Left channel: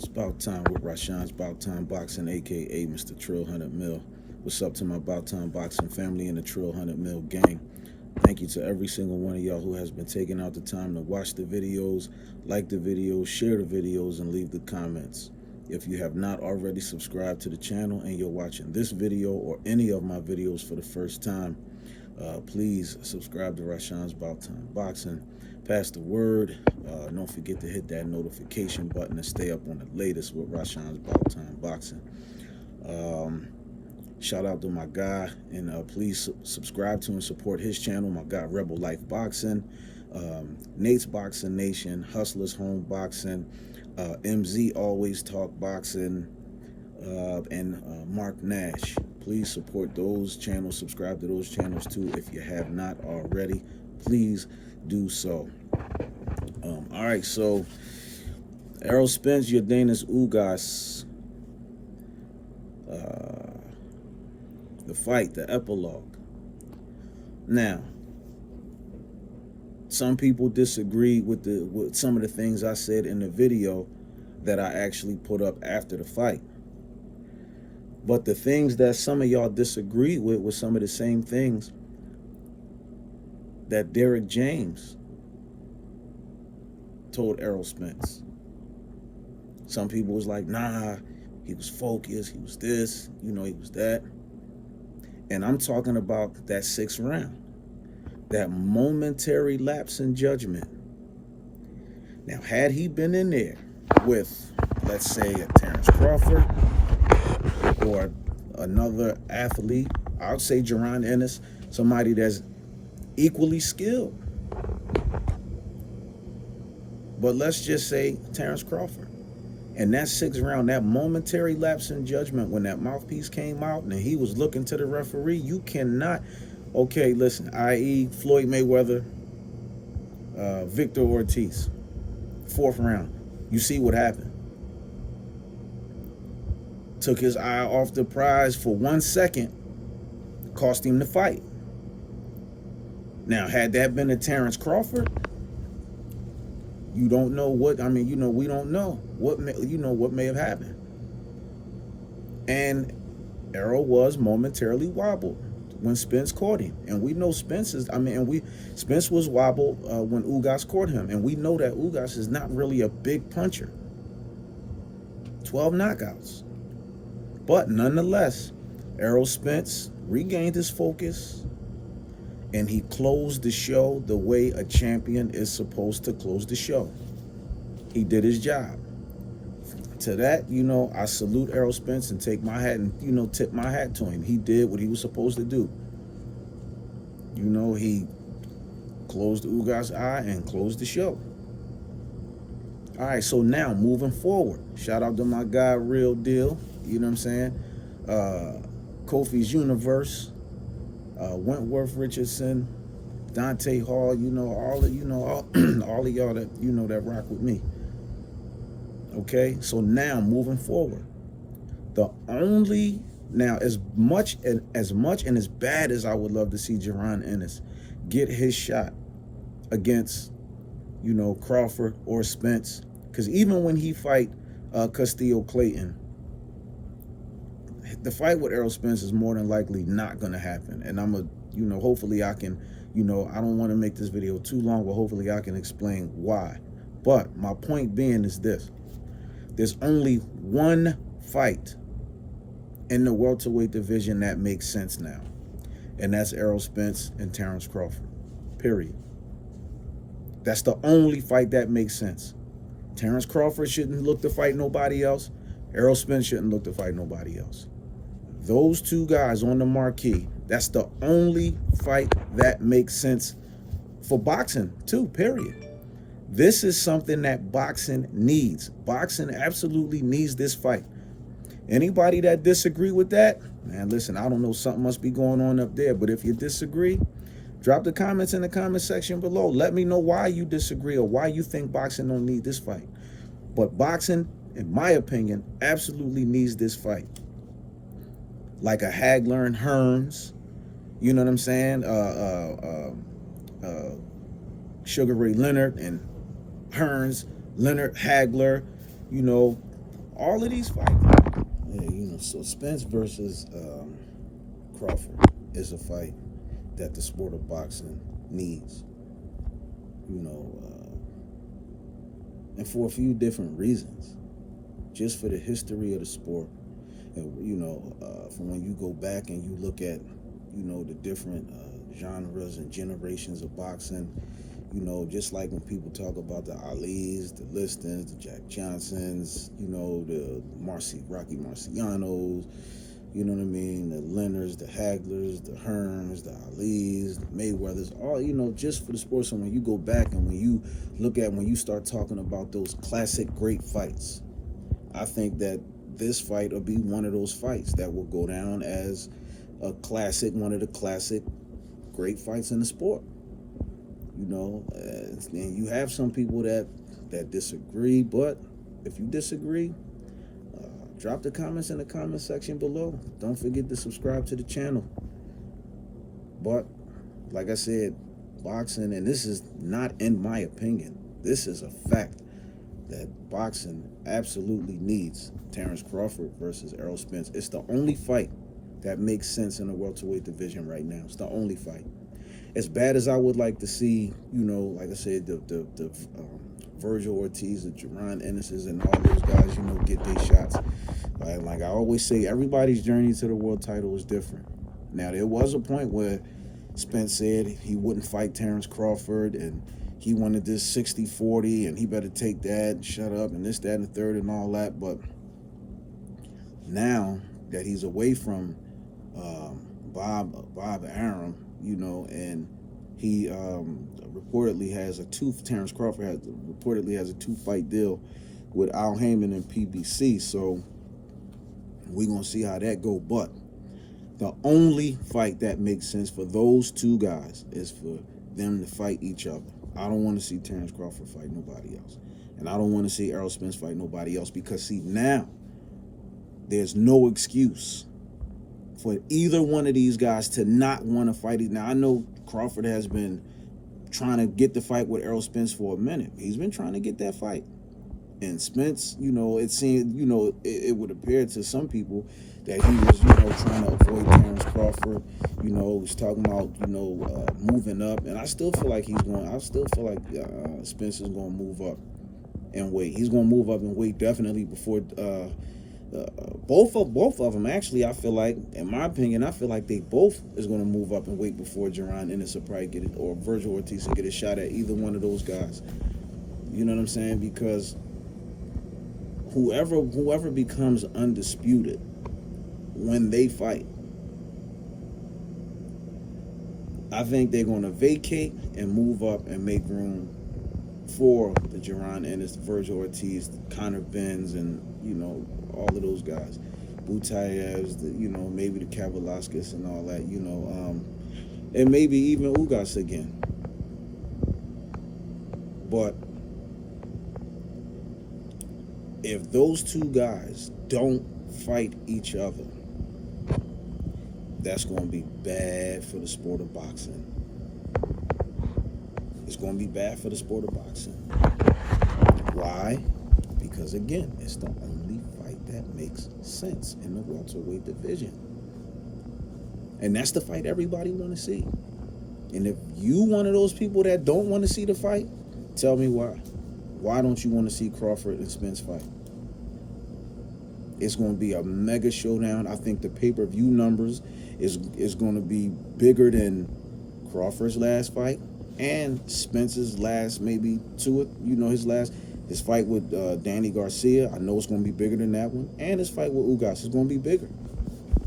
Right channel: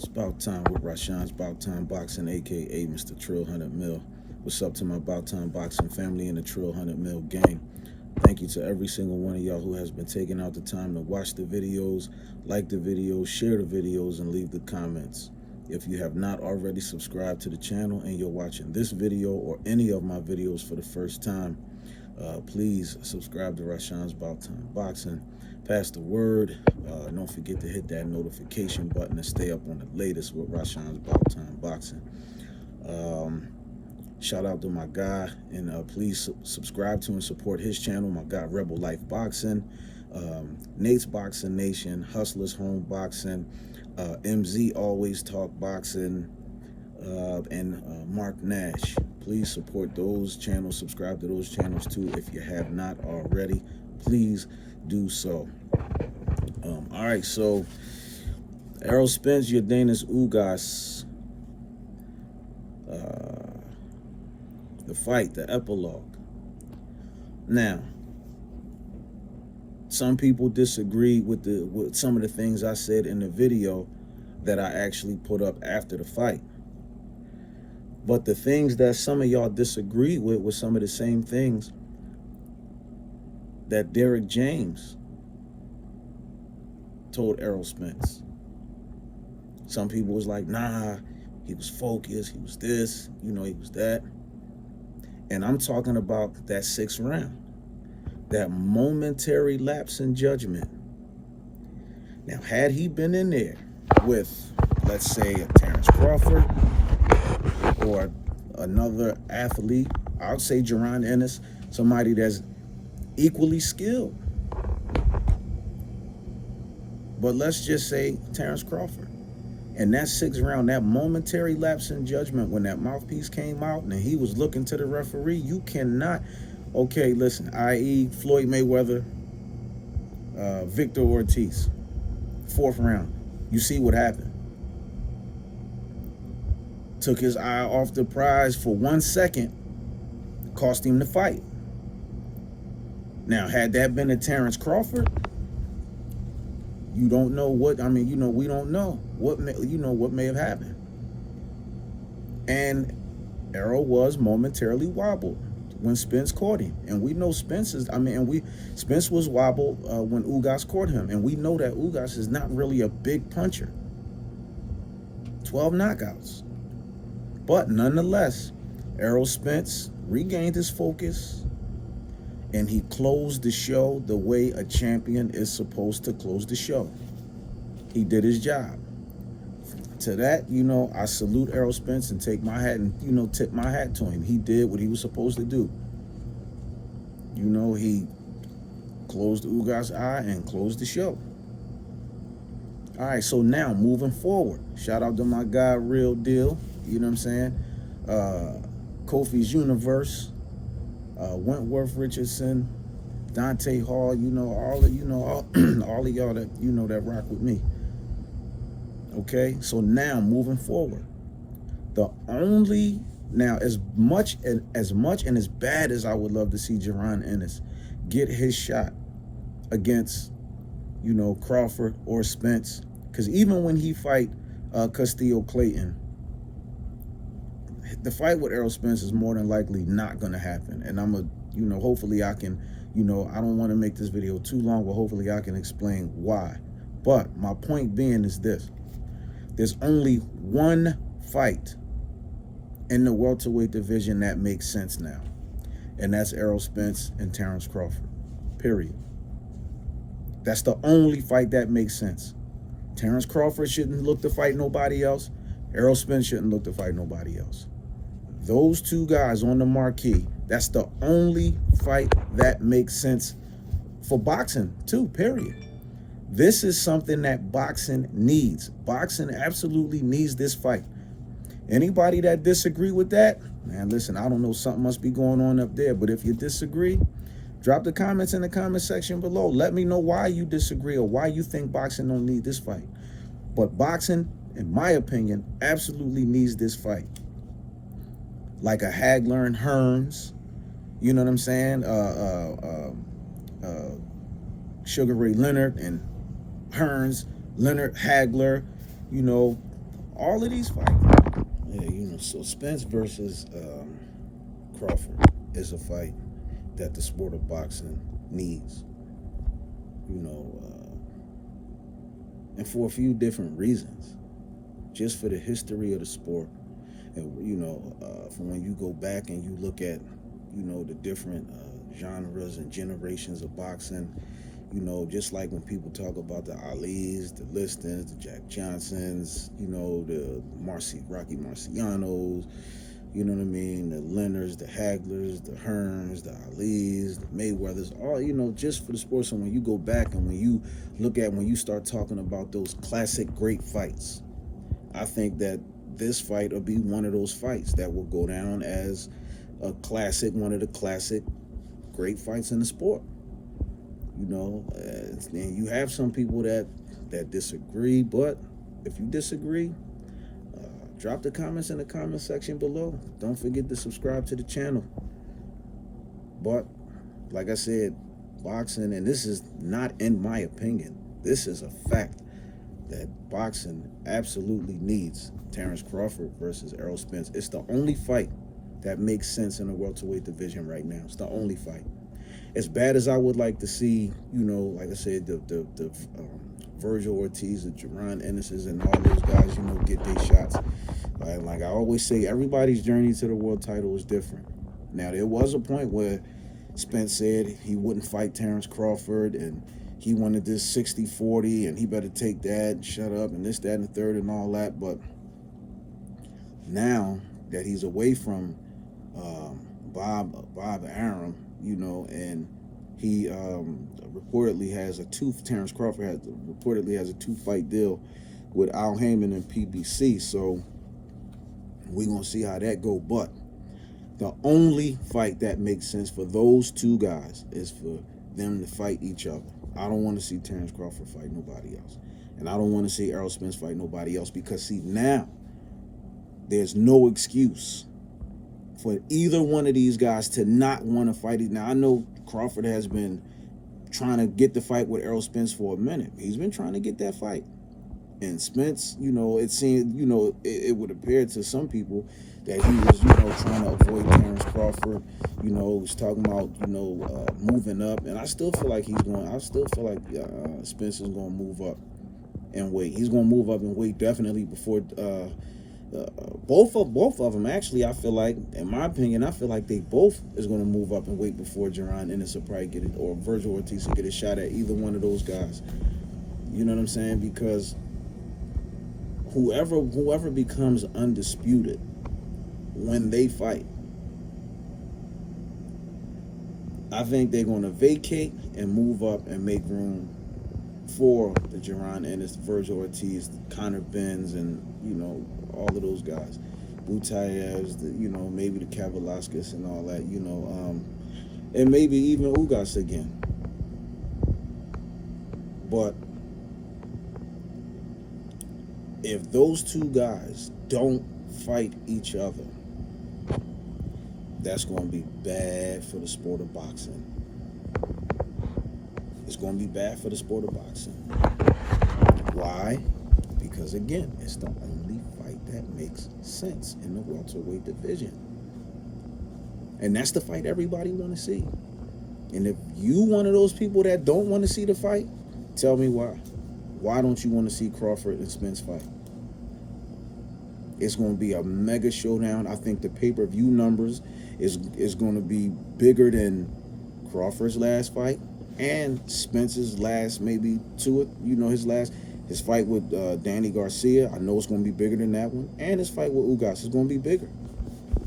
It's about time with Rashawn's About Time Boxing, aka Mr. Trill 100 Mil. What's up to my About Time Boxing family and the Trill 100 Mil gang? Thank you to every single one of y'all who has been taking out the time to watch the videos, like the videos, share the videos, and leave the comments. If you have not already subscribed to the channel and you're watching this video or any of my videos for the first time, please subscribe to Rashawn's About Time Boxing. Pass the word. Don't forget to hit that notification button and stay up on the latest with Rashawn's About Time Boxing. Shout out to my guy, and please subscribe to and support his channel, my guy Rebel Life Boxing, Nate's Boxing Nation, Hustlers Home Boxing, MZ Always Talk Boxing, and Mark Nash. Please support those channels, subscribe to those channels too if you have not already. Please do so. All right, so Errol Spence, Yordenis Ugas, the fight, the epilogue. Now, some people disagree with some of the things I said in the video that I actually put up after the fight. But the things that some of y'all disagree with were some of the same things that Derrick James told Errol Spence. Some people was like, nah, he was focused, he was this, he was that. And I'm talking about that 6th round, that momentary lapse in judgment. Now, had he been in there with, let's say, a Terence Crawford or another athlete, I would say Jaron Ennis, somebody that's equally skilled. But let's just say Terence Crawford. And that 6th round, that momentary lapse in judgment when that mouthpiece came out and he was looking to the referee, you cannot, okay, listen, i.e. Floyd Mayweather, Victor Ortiz, 4th round. You see what happened. Took his eye off the prize for 1 second, cost him the fight. Now, had that been a Terence Crawford, you don't know what, we don't know what may have happened. And Errol was momentarily wobbled when Spence caught him. And we know Spence was wobbled when Ugas caught him. And we know that Ugas is not really a big puncher. 12 knockouts. But nonetheless, Errol Spence regained his focus, and he closed the show the way a champion is supposed to close the show. He did his job. To that, I salute Errol Spence and take my hat and, tip my hat to him. He did what he was supposed to do. He closed Ugas' eye and closed the show. All right, so now moving forward, shout out to my guy, Real Deal, you know what I'm saying? Kofi's Universe, Wentworth Richardson, Dante Hall, all of y'all that that rock with me. Okay, so now moving forward, as much and as bad as I would love to see Jaron Ennis get his shot against Crawford or Spence, because even when he fight Castillo Clayton, the fight with Errol Spence is more than likely not going to happen. And I'm hopefully I can, I don't want to make this video too long, but hopefully I can explain why. But my point being is this: there's only one fight in the welterweight division that makes sense now, and that's Errol Spence and Terence Crawford, period. That's the only fight that makes sense. Terence Crawford shouldn't look to fight nobody else. Errol Spence shouldn't look to fight nobody else. Those two guys on the marquee, that's the only fight that makes sense for boxing too, period. This is something that boxing needs. Boxing absolutely needs this fight. Anybody that disagree with that, man, listen, I don't know, something must be going on up there. But if you disagree, drop the comments in the comment section below. Let me know why you disagree or why you think boxing don't need this fight. But boxing, in my opinion, absolutely needs this fight. Like a Hagler and Hearns, you know what I'm saying? Sugar Ray Leonard and Hearns, Leonard, Hagler, all of these fights. Yeah, so Spence versus Crawford is a fight that the sport of boxing needs. And for a few different reasons. Just for the history of the sport. And, for when you go back and you look at, the different genres and generations of boxing, just like when people talk about the Alis, the Listons, the Jack Johnsons, the Rocky Marcianos, you know what I mean, the Leonards, the Haglers, the Hearns, the Alis, the Mayweathers, all, just for the sport. So when you go back and when you start talking about those classic great fights, I think that this fight will be one of those fights that will go down as a classic, one of the classic great fights in the sport. And you have some people that disagree, but if you disagree, drop the comments in the comment section below. Don't forget to subscribe to the channel. But like I said, boxing, and this is not in my opinion, this is a fact, that boxing absolutely needs Terence Crawford versus Errol Spence. It's the only fight that makes sense in the welterweight division right now. It's the only fight. As bad as I would like to see, like I said, the Virgil Ortiz, the Jaron Ennis's, and all those guys, get their shots. Like I always say, everybody's journey to the world title is different. Now, there was a point where Spence said he wouldn't fight Terence Crawford, and he wanted this 60-40, and he better take that and shut up, and this, that, and the third, and all that. But now that he's away from Bob Arum, and he reportedly has Terence Crawford reportedly has a 2-fight deal with Al Heyman and PBC. So we're going to see how that go. But the only fight that makes sense for those two guys is for them to fight each other. I don't want to see Terence Crawford fight nobody else. And I don't want to see Errol Spence fight nobody else, because, see, now there's no excuse for either one of these guys to not want to fight it. Now, I know Crawford has been trying to get the fight with Errol Spence for a minute. He's been trying to get that fight. And Spence, it seemed, it would appear to some people that he was, trying to avoid Terence Crawford. Was talking about, moving up. And I still feel like Spence is going to move up in weight. He's going to move up in weight definitely before both of them. Actually, I feel like, in my opinion, they both is going to move up in weight before Jaron Ennis will probably get it, or Virgil Ortiz will get a shot at either one of those guys. You know what I'm saying? Because whoever becomes undisputed when they fight, I think they're going to vacate and move up and make room for the Jaron Ennis, Virgil Ortiz, Conor Benz, and all of those guys, Butaevs, maybe the Kavaliauskas and all that, and maybe even Ugas again. But if those two guys don't fight each other, that's going to be bad for the sport of boxing. It's going to be bad for the sport of boxing. Why? Because, again, it's the only fight that makes sense in the welterweight division. And that's the fight everybody want to see. And if you one of those people that don't want to see the fight, tell me why. Why don't you want to see Crawford and Spence fight? It's going to be a mega showdown. I think the pay-per-view numbers is going to be bigger than Crawford's last fight and Spence's last, maybe his fight with Danny Garcia. I know it's going to be bigger than that one. And his fight with Ugas is going to be bigger.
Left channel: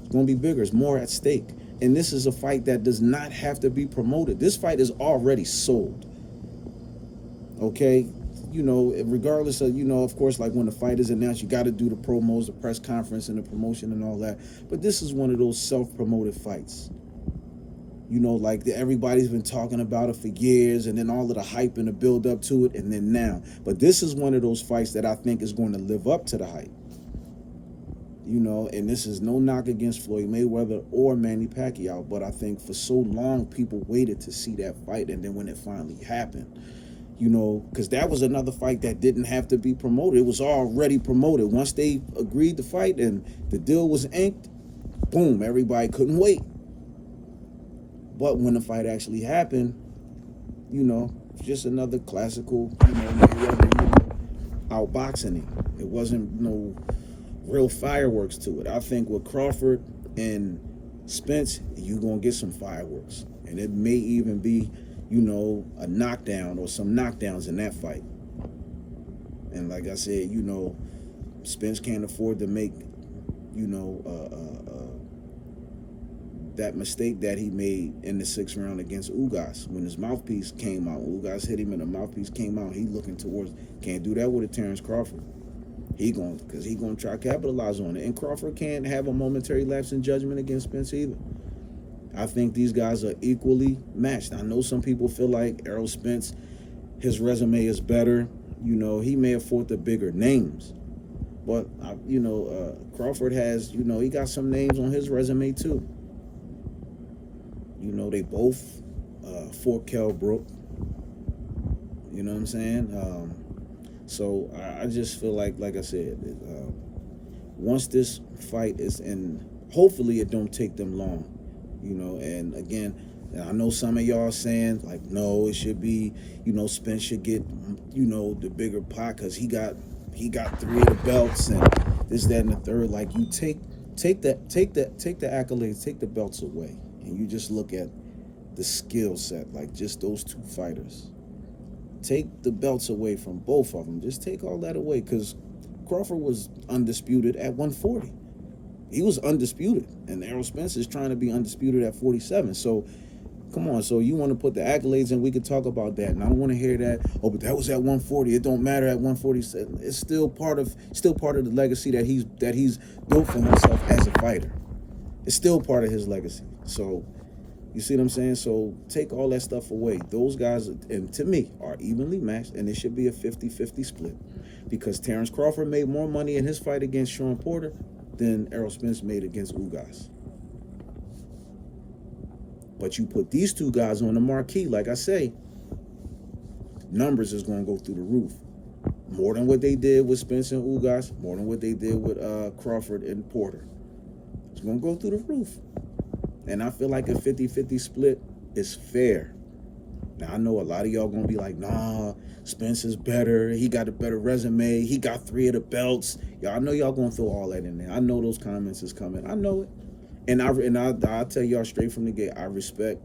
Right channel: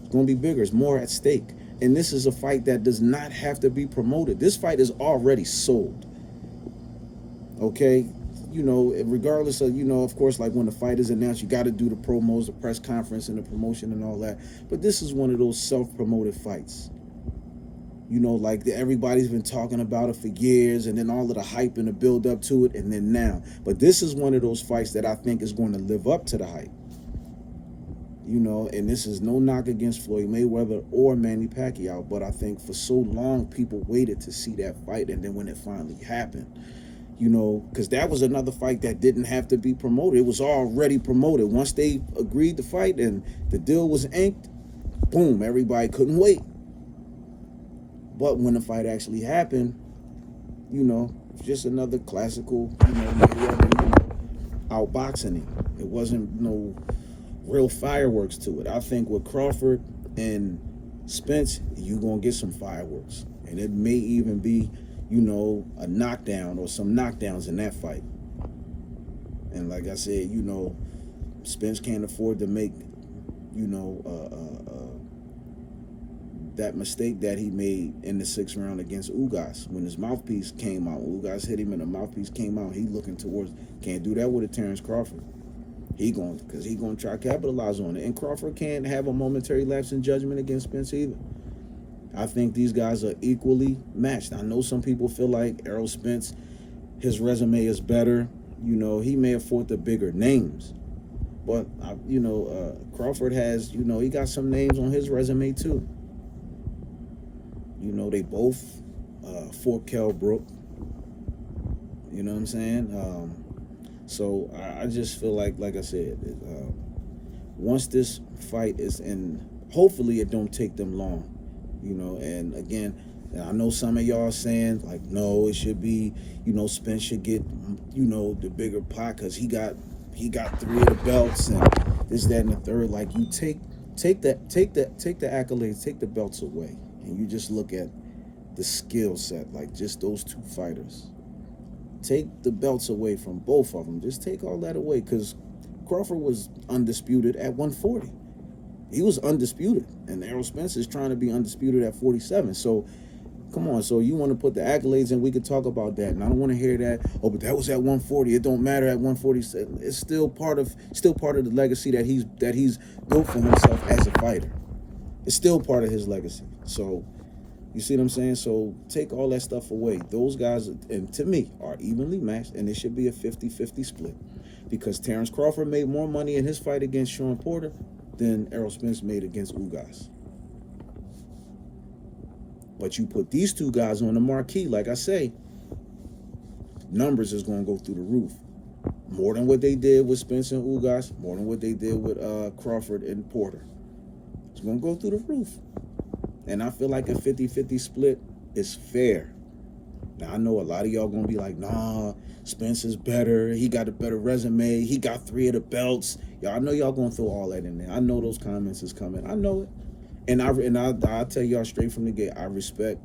It's going to be bigger. It's more at stake. And this is a fight that does not have to be promoted. This fight is already sold. Okay? Regardless of, of course, like when the fight is announced, you got to do the promos, the press conference, and the promotion and all that. But this is one of those self-promoted fights. Like everybody's been talking about it for years, and then all of the hype and the build up to it, and then now. But this is one of those fights that I think is going to live up to the hype. And this is no knock against Floyd Mayweather or Manny Pacquiao, but I think for so long people waited to see that fight, and then when it finally happened, You know, because that was another fight that didn't have to be promoted. It was already promoted. Once they agreed to fight and the deal was inked, boom, everybody couldn't wait. But when the fight actually happened, you know, just another classical, you know, outboxing him. It wasn't no real fireworks to it. I think with Crawford and Spence, you're going to get some fireworks. And it may even be, you know, a knockdown or some knockdowns in that fight. And like I said, you know, Spence can't afford to make, you know, that mistake that he made in the 6th round against Ugas when his mouthpiece came out. Ugas hit him and the mouthpiece came out. He looking towards, can't do that with a Terence Crawford. Because he going to try to capitalize on it. And Crawford can't have a momentary lapse in judgment against Spence either. I think these guys are equally matched. I know some people feel like Errol Spence, his resume is better. You know, he may have fought the bigger names. But, you know, Crawford has, you know, he got some names on his resume too. You know, they both fought Kell Brook. You know what I'm saying? So I just feel like I said, once this fight is in, hopefully it don't take them long. You know, and again, I know some of y'all saying, like, no, it should be, you know, Spence should get, you know, the bigger pot because he got 3 of the belts and this, that, and the third. Like, you take the accolades, take the belts away. And you just look at the skill set, like just those 2 fighters. Take the belts away from both of them. Just take all that away, because Crawford was undisputed at 140. He was undisputed, and Errol Spence is trying to be undisputed at 47. So, come on. So you want to put the accolades in? We could talk about that, and I don't want to hear that. Oh, but that was at 140. It don't matter at 147. It's still part of the legacy that he's built for himself as a fighter. It's still part of his legacy. So, you see what I'm saying? So, take all that stuff away. Those guys, and to me, are evenly matched, and it should be a 50-50 split. Because Terence Crawford made more money in his fight against Sean Porter than Errol Spence made against Ugas. But you put these 2 guys on the marquee, like I say, numbers is going to go through the roof. More than what they did with Spence and Ugas, more than what they did with Crawford and Porter. It's going to go through the roof. And I feel like a 50-50 split is fair. Now, I know a lot of y'all going to be like, nah, Spence is better. He got a better resume. He got 3 of the belts. Y'all, I know y'all going to throw all that in there. I know those comments is coming. I know it. And I'll tell y'all straight from the gate, I respect,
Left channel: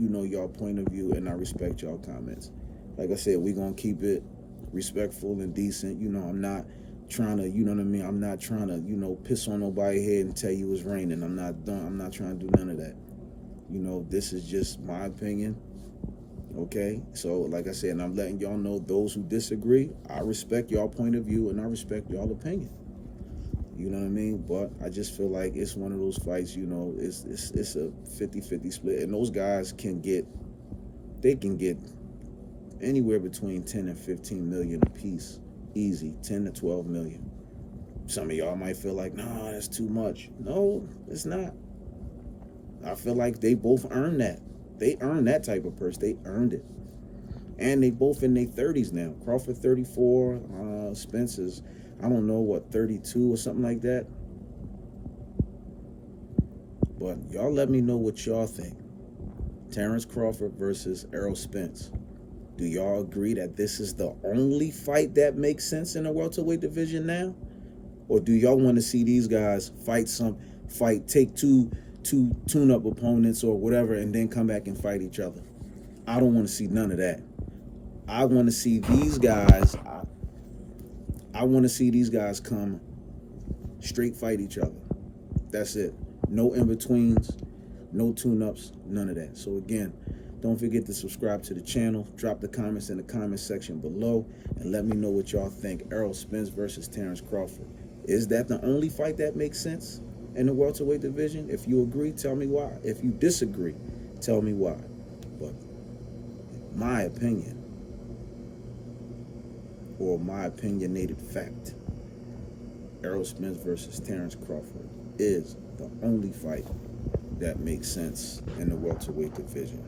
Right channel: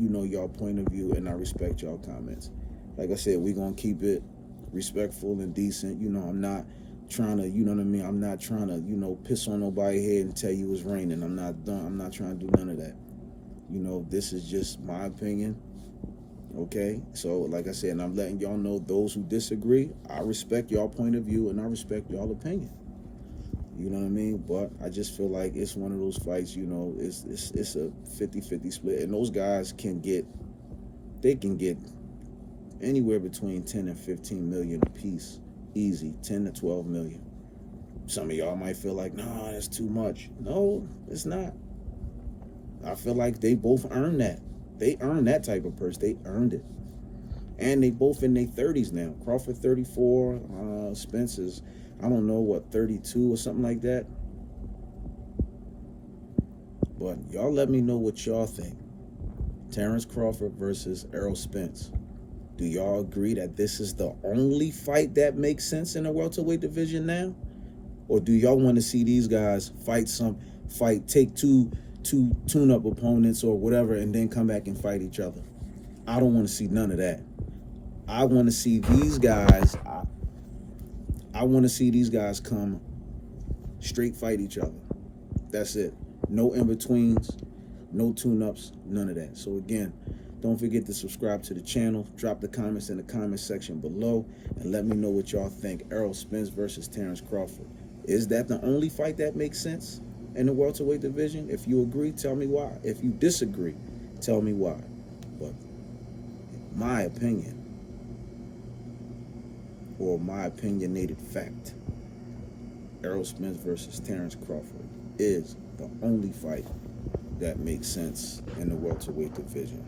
you know, y'all point of view, and I respect y'all comments. Like I said, we're going to keep it respectful and decent. You know, I'm not trying to, you know what I mean? I'm not trying to, you know, piss on nobody's head and tell you it's raining. I'm not trying to do none of that. You know, this is just my opinion. Okay? So, like I said, and I'm letting y'all know, those who disagree, I respect y'all point of view and I respect y'all opinion. You know what I mean? But I just feel like it's one of those fights, you know, it's a 50-50 split. And those guys can get anywhere between 10 and 15 million apiece. Easy, 10 to 12 million. Some of y'all might feel like, no, that's too much. No, it's not. I feel like they both earned that. They earned that type of purse. They earned it. And they both in their 30s now. Crawford 34, Spence is, I don't know, what, 32 or something like that. But y'all let me know what y'all think. Terence Crawford versus Errol Spence. Do y'all agree that this is the only fight that makes sense in the welterweight division now? Or do y'all want to see these guys take two tune-up opponents or whatever and then come back and fight each other? I don't want to see none of that. I want to see these guys, I want to see these guys come straight fight each other. That's it. No in-betweens, no tune-ups, none of that. So again, don't forget to subscribe to the channel. Drop the comments in the comment section below and let me know what y'all think. Errol Spence versus Terence Crawford. Is that the only fight that makes sense in the welterweight division? If you agree, tell me why. If you disagree, tell me why. But my opinion, or my opinionated fact, Errol Spence versus Terence Crawford is the only fight that makes sense in the welterweight division.